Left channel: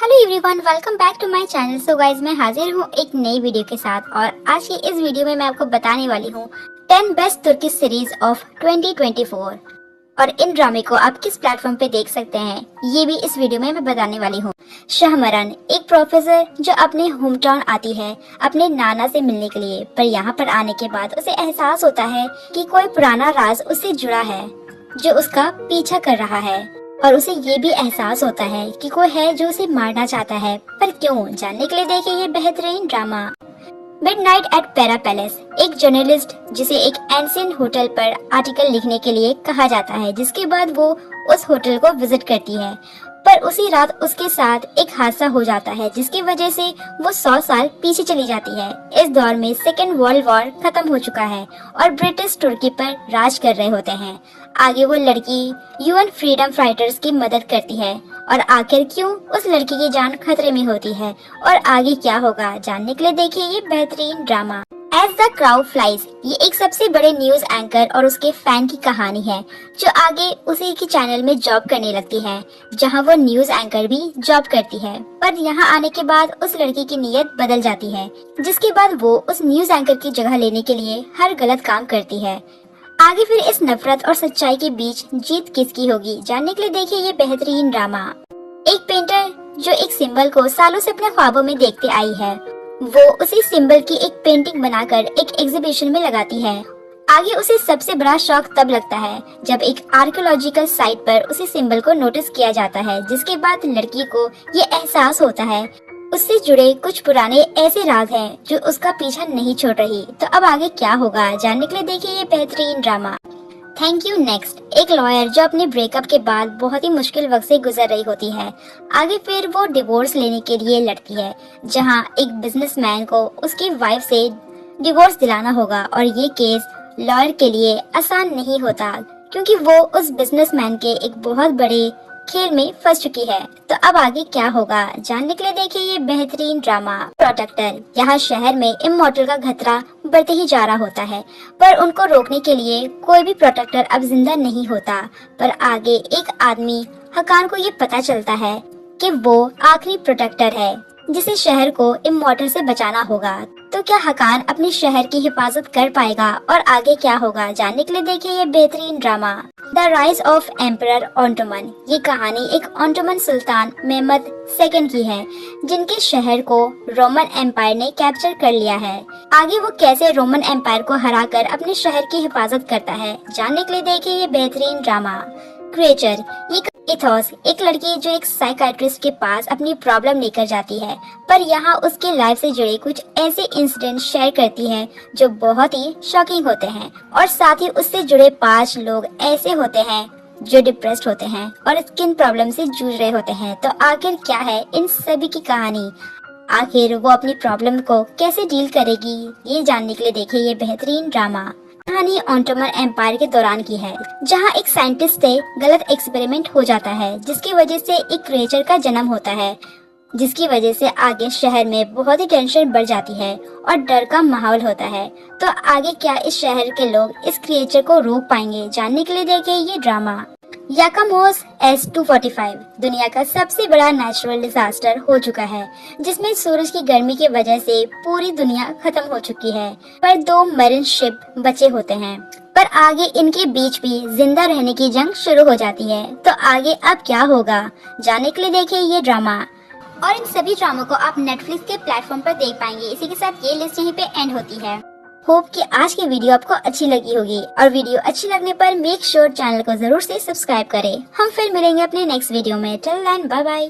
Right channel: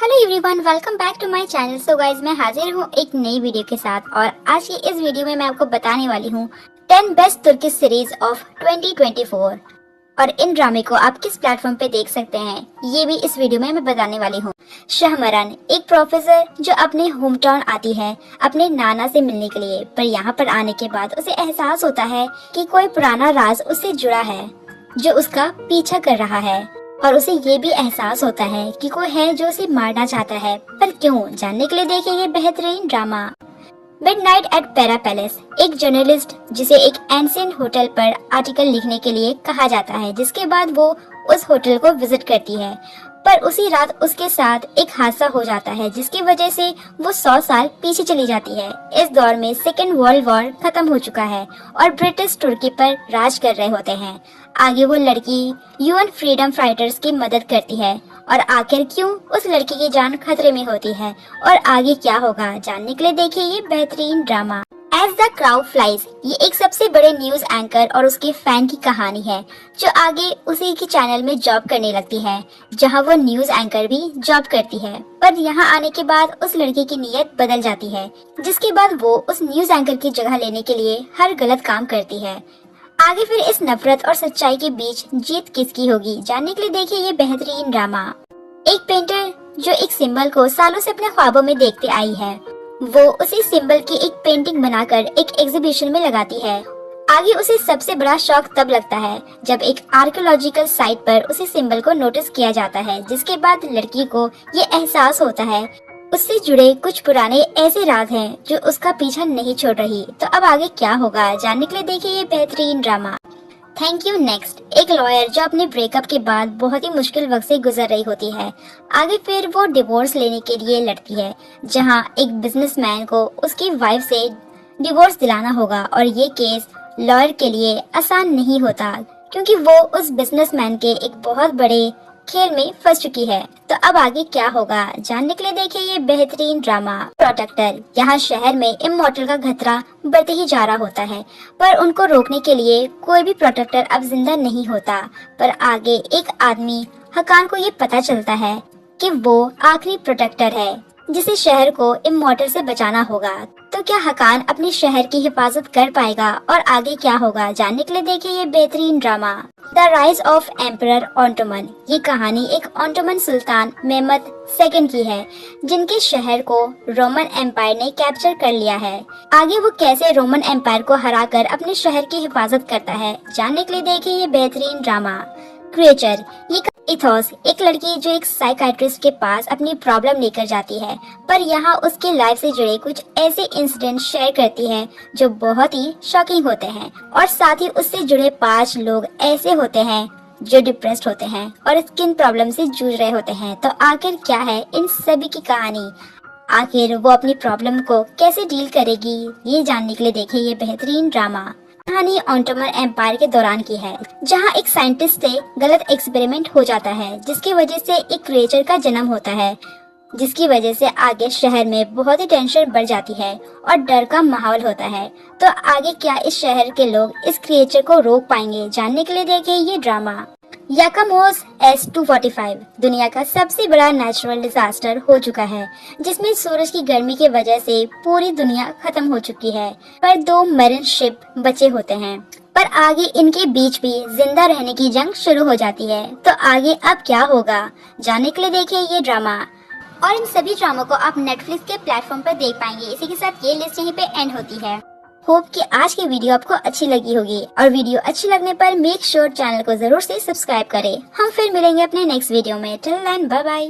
Hello everyone, welcome back to my channel. So guys, मैं हाजिर हूँ एक नई वीडियो के साथ और आज की इस वीडियो में मैं आपको बताने वाली हूँ 10 बेस्ट तुर्की सीरीज ऑफ 2024 और इन ड्रामे को आप किस प्लेटफॉर्म पे देख सकते हैं, ये भी इस वीडियो में मैं बताने वाली हूँ। शाहमरान एक प्रोफेसर जो अपने होम टाउन आती है अपने नाना से मिलने के लिए, पर यहाँ पर आने के बाद उसे एहसास होता है कि कोई पुराना राज उससे जुड़ा है जो उसका पीछा कर रहा है और उसे ये भी एहसास होता है कि कोई है जो उसे मारना चाहता है, पर क्यों, जानने के लिए देखिए ये बेहतरीन ड्रामा। मिडनाइट एट पेरा पैलेस एक जर्नलिस्ट जिसे एक एंशिएंट होटल पर आर्टिकल लिखने के लिए कहा जाता है, जिसके बाद वो उस होटल को विजिट करती है, पर उसी रात उसके साथ एक हादसा हो जाता है जिसकी वजह से वो 100 साल पीछे चली जाती है। इस दौर में सेकेंड वर्ल्ड वॉर खत्म हो चुका है और ब्रिटिश तुर्की पर राज कर रहे होते हैं। आगे वो लड़की यूएन फ्रीडम फाइटर्स की मदद करती है और आखिर क्यों उस लड़की की जान खतरे में होती है और आगे क्या होगा, जानने के लिए देखिए ये बेहतरीन drama. As the crowd flies ये एक सबसे बड़े न्यूज एंकर और उसके फैन की कहानी है जो आगे उसी की चैनल में जॉब करने लगती है जहां वो न्यूज एंकर भी जॉब करती है, पर यहां आने के बाद उस लड़के की नीयत बदल जाती है, जिसके बाद वो उस न्यूज एंकर की जगह लेने के लिए हर गलत काम करती है। आगे फिर इस नफरत और सच्चाई के बीच जीत किसकी होगी, जानने के लिए देखिए ये बेहतरीन ड्रामा। एक पेंटर जो एक सिंबल को सालों से अपने ख्वाबों में देखते आई है, वो उसी सिंबल की एक पेंटिंग बनाकर एक एग्जीबिशन में लगाती है। आगे उसे सबसे बड़ा शौक तब लगता है जब एक आर्कियोलॉजिकल साइट पर उसी सिंबल को नोटिस किया जाता है, जिसके बाद लड़की को ये एहसास होता है उससे जुड़े कुछ पुराने ऐसे राज हैं जो उसका पीछा नहीं छोड़ रही। तो अब आगे क्या होगा, जानने के लिए देखिए ये बेहतरीन ड्रामा। थैंक यू नेक्स्ट एक लॉयर जो अपने ब्रेकअप के बाद बहुत ही मुश्किल वक्त से गुजर रही होती है। आगे फिर वो डिवोर्स लेने के लिए लड़ती है जहां एक बिजनेसमैन को उसकी वाइफ से डिवोर्स दिलाना होगा और ये केस लॉयर के लिए आसान नहीं होता क्योंकि वो उस बिजनेसमैन के एक बहुत बड़े खेल में फंस चुकी है। तो अब आगे क्या होगा, जानने के लिए देखिए ये बेहतरीन ड्रामा। प्रोटेक्टर यहाँ शहर में इमॉर्टल का खतरा बढ़ते ही जा रहा होता है, पर उनको रोकने के लिए कोई भी प्रोटेक्टर अब जिंदा नहीं होता, पर आगे एक आदमी हकान को ये पता चलता है कि वो आखिरी प्रोटेक्टर है जिसे शहर को इमॉर्टल से बचाना होगा। तो क्या हकान अपने शहर की हिफाजत कर पाएगा और आगे क्या होगा, जानने के लिए देखिए ये बेहतरीन drama. The rise of emperor Ottoman ये कहानी एक ऑटोमन सुल्तान मेहमद सेकंड की है जिनके शहर को रोमन एम्पायर ने कैप्चर कर लिया है। आगे वो कैसे रोमन एम्पायर को हराकर अपने शहर की हिफाजत करता है, जानने के लिए देखिए ये बेहतरीन ड्रामा। क्रिएचर ये इथॉस एक लड़की जो एक साइकाइट्रिस्ट के पास अपनी प्रॉब्लम लेकर जाती है, पर यहाँ उसके लाइफ से जुड़े कुछ ऐसे इंसिडेंट शेयर करती है जो बहुत ही शॉकिंग होते हैं और साथ ही उससे जुड़े 5 लोग ऐसे होते हैं जो डिप्रेस्ड होते हैं और स्किन प्रॉब्लम से जूझ रहे होते हैं। तो आखिर क्या है इन सभी की कहानी, आखिर वो अपनी प्रॉब्लम को कैसे डील करेगी, ये जानने के लिए देखिए ये बेहतरीन ड्रामा। कहानी ऑटोमन एम्पायर के दौरान की है जहां एक साइंटिस्ट से गलत एक्सपेरिमेंट हो जाता है जिसकी वजह से एक क्रिएचर का जन्म होता है, जिसकी वजह से आगे शहर में बहुत ही टेंशन बढ़ जाती है और डर का माहौल होता है। तो आगे क्या इस शहर के लोग इस क्रिएचर को रोक पाएंगे, जानने के लिए देखिए ये ड्रामा। याकामोस S-245 दुनिया का सबसे बड़ा नेचुरल डिजास्टर हो चुका है जिसमें सूरज की गर्मी की वजह से पूरी दुनिया खत्म हो चुकी है, पर 2 मरीन शिप बचे होते हैं, पर आगे इनके बीच भी जिंदा रहने की जंग शुरू हो जाती है। तो आगे अब क्या होगा, जानने के लिए देखिए ये ड्रामा। और इन सभी ड्रामों को आप नेटफ्लिक्स के प्लेटफॉर्म पर देख पाएंगे। इसी के साथ ये लिस्ट यहीं पे एंड होती है। होप कि आज की वीडियो आपको अच्छी लगी होगी और वीडियो अच्छी लगने पर मेक श्योर चैनल को जरूर से सब्सक्राइब करें। हम फिर मिलेंगे अपने नेक्स्ट वीडियो में। Till then bye bye.